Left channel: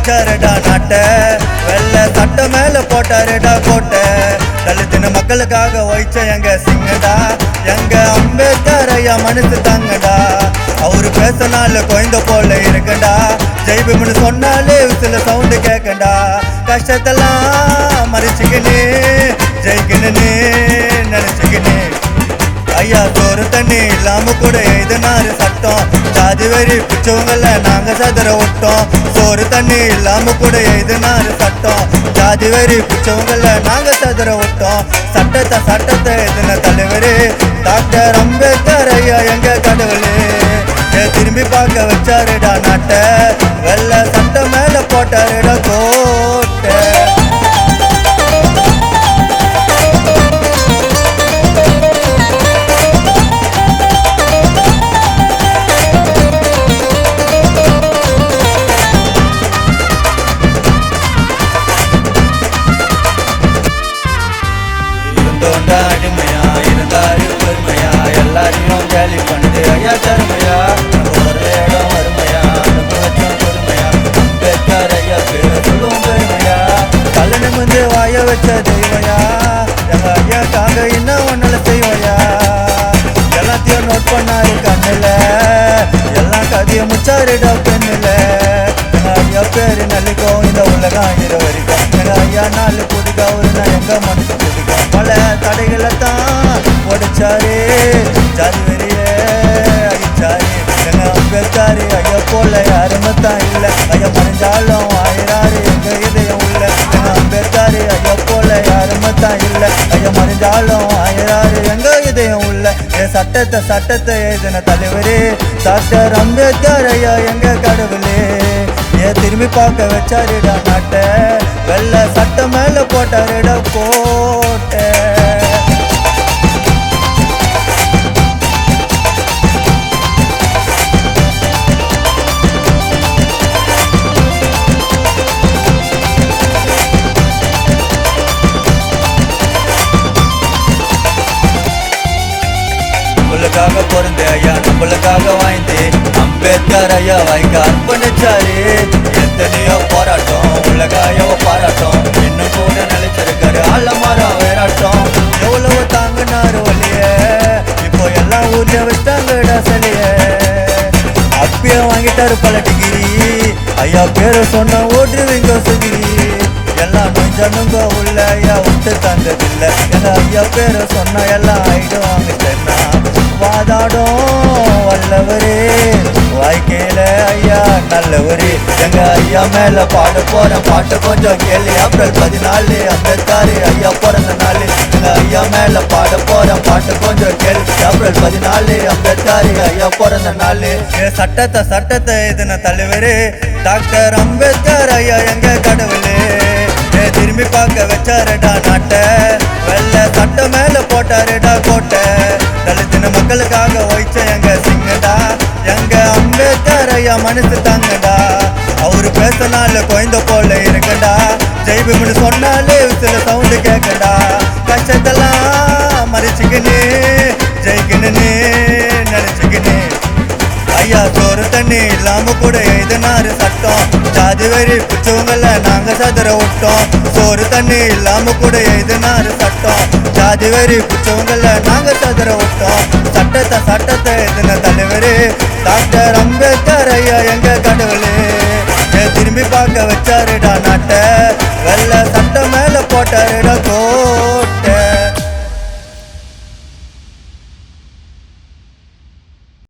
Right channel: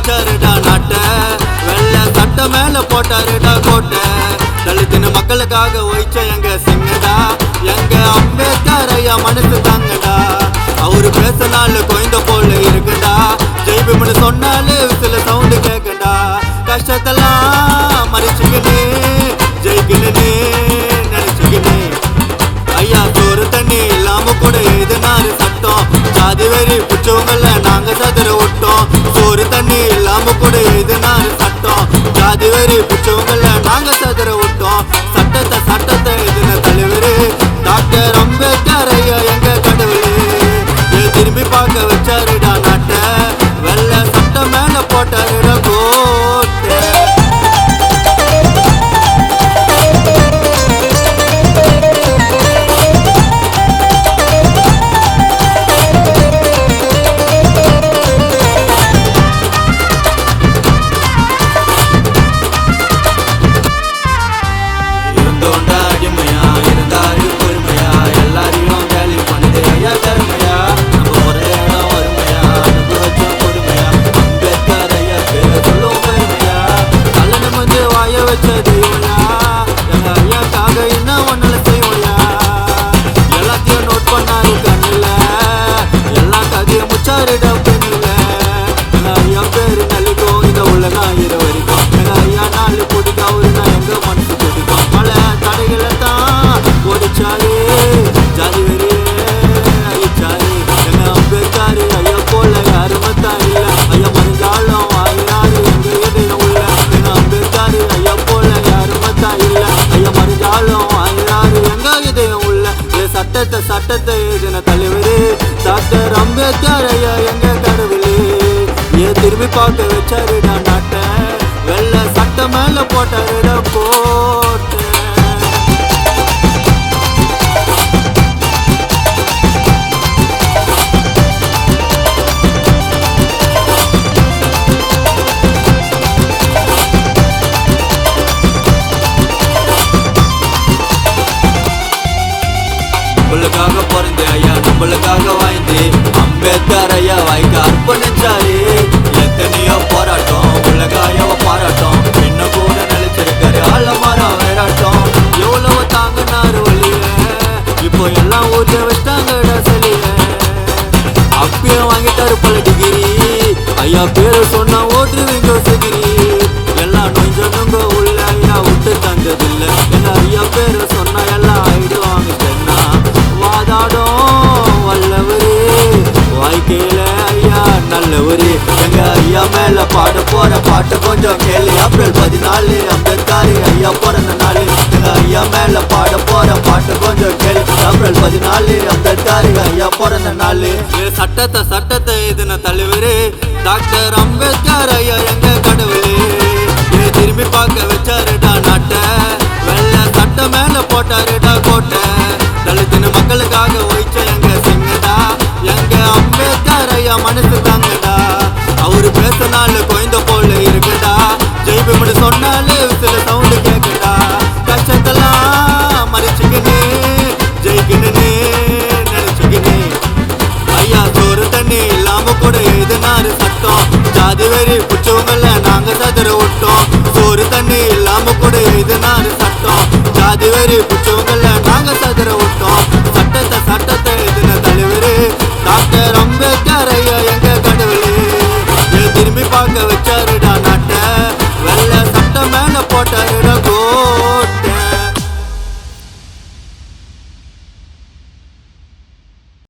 வச்சாருடா நாட்ட, வெள்ள சட்ட மேல போட்டாருடா கோட்டை. தலித்தின மக்களுக்காக ஒய்ச்ச எங்க சிங்கடா, எங்க அம்பேத்கர் ஐயா மனசு தாங்கடா. அவரு பேசினால கொய்ந்த போல இருக்கடா, ஜெய்பீம்னு சொன்னாலே சில சவுண்டு கேட்கண்டா. கஷ்டத்தெல்லாம் மறைச்சிக்கினே ஜெயிக்கணுன்னு நினைச்சுக்கினே, ஐயா சோறு தண்ணி இல்லாம கூட எழுதினாரு சட்டம். ஜாதி வெறி பிடிச்சவங்கள நாங்க சதுர விட்டோம். சோறு தண்ணி இல்லாம கூட எழுதினாரு சட்டம். ஜாதி வெறி பிடிச்சவங்கள நாங்க சதுர விட்டோம். சட்டத்தை எழுதின தலைவரு டாக்டர் அம்பேத்கர் ஐயா எங்க கடவுளே. திரும்பி பார்க்க வச்சாருடா நாட்ட, வெள்ள சட்ட மேல போட்டாருடா கோட்டை. அடிமையா இருந்தாரு பெருமையா, எல்லாரையும் கேலி பண்ணுது ஐயா தருமையா. நம்ம ஒரே இடம் வறுமையா, அனுபவச்சும் பொறுமையா, அம்பேத்கர் ஐயா பேர சொல்லும் பெருமையா. தலை நிமிந்து வாய வச்ச தெய்வயா, எங்க ஐயாக்காக என்ன ஒன்னால செய்வோயா. எல்லாத்தையும் நோட் பண்ணாரு கண்ணுல, எல்லாம் கதைய முச்சாருடா பெண்ணுல. எங்க ஐயா பேரு நல்லிக்கும் இந்த உலகம் இரு வரைக்கும். எங்க ஐயா நாலு புதுக்கா ஒரு நான் எங்க மனசு புதுக்கும். பல தடைகளை தான் உடைச்சாரு, ஜாதி வெறியே அழிச்சாரு. எங்க அம்பேத்கர் ஐயா போல யாருமே தான் இல்ல, ஐயா மறைஞ்சாலும் ஆயிராரு எங்க இதயம் உள்ள. எங்க அம்பேத்கர் ஐயா போல யாருமே தான் இல்ல, ஐயா மறைஞ்சாலும் ஆயிராரு எங்க இதயம் உள்ள. சட்டத்தை எழுதின தலைவரே டாக்டர் அம்பேத்கர் ஐயா எங்க கடவுளே. திரும்பி பார்க்க வச்சாருடா நாட்ட, வெள்ள சட்ட மேல போட்டாருடா கோட்டை. நம்மளுக்காக பொருந்த ஐயா நம்மளுக்காக வாய்ந்து அம்பேத்கர் ஐயா வாய்க்க அர்ப்பணிச்சாரு. எத்தனையோ போராட்டம் உலகாயோ பாராட்டம், இன்னும் கூட நினைச்சிருக்காரு ஆலமரம் வேறாட்டம். எவ்வளவு தாங்கினாரு வழிய, இப்போ எல்லாம் ஊர்ல வச்சாங்கடா சலிய. அப்பயும் வாங்கிட்டாரு பல டிகிரி, ஐயா பேரு சொன்னா ஓட்டுவீங்க சுகிரி. எல்லாம் நுஞ்சனுங்க உள்ள ஐயா விட்டு தந்ததில்ல, எங்க ஐயா பேரு சொன்னா எல்லாம் ஆயிடுவாங்க தென்னா. வாதாடும் வல்லவரே வாழ்க்கையில ஐயா நல்லவரு. எங்க ஐயா மேல பாட போற பாட்டு கொஞ்சம் கேளு. ஏப்ரல் 14 அம்பேத்கர் ஐயா பிறந்த நாள். எங்க ஐயா மேல பாட போற பாட்டு கொஞ்சம் கேளு. ஏப்ரல் 14 அம்பேத்கர் ஐயா பிறந்த நாள். சட்டத்தை எழுதின தலைவரு டாக்டர் அம்பேத்கர் ஐயா எங்க கடவுளே. திரும்பி பார்க்க வச்சாருடா நாட்ட, வெள்ள சட்ட மேல போட்டாருடா கோட்டை. தலித்தின மக்களுக்காக ஒய்ச்ச எங்க சிங்கடா, எங்க அம்பேத்கர் ஐயா மனசு தாங்கடா. அவரு பேசினால கொய்ந்த போல இருக்கடா, ஜெய்பீம்னு சொன்னாலே சில சவுண்டு கேட்கடா. கஷ்டத்தெல்லாம் மறைச்சிக்கினே ஜெயிக்கணுன்னு நினைச்சுக்கினே, ஐயா சோறு தண்ணி இல்லாம கூட எழுதினாரு சட்டம். ஜாதி வெறி பிடிச்சவங்கள நாங்க சதுர விட்டோம். சோறு தண்ணி இல்லாம கூட எழுதினாரு சட்டம். ஜாதி வெறி பிடிச்சவங்கள நாங்க சதுர விட்டோம். சட்டத்தை எழுதின தலைவரு டாக்டர் அம்பேத்கர் ஐயா எங்க கடவுளே. திரும்பி பார்க்க வச்சாரு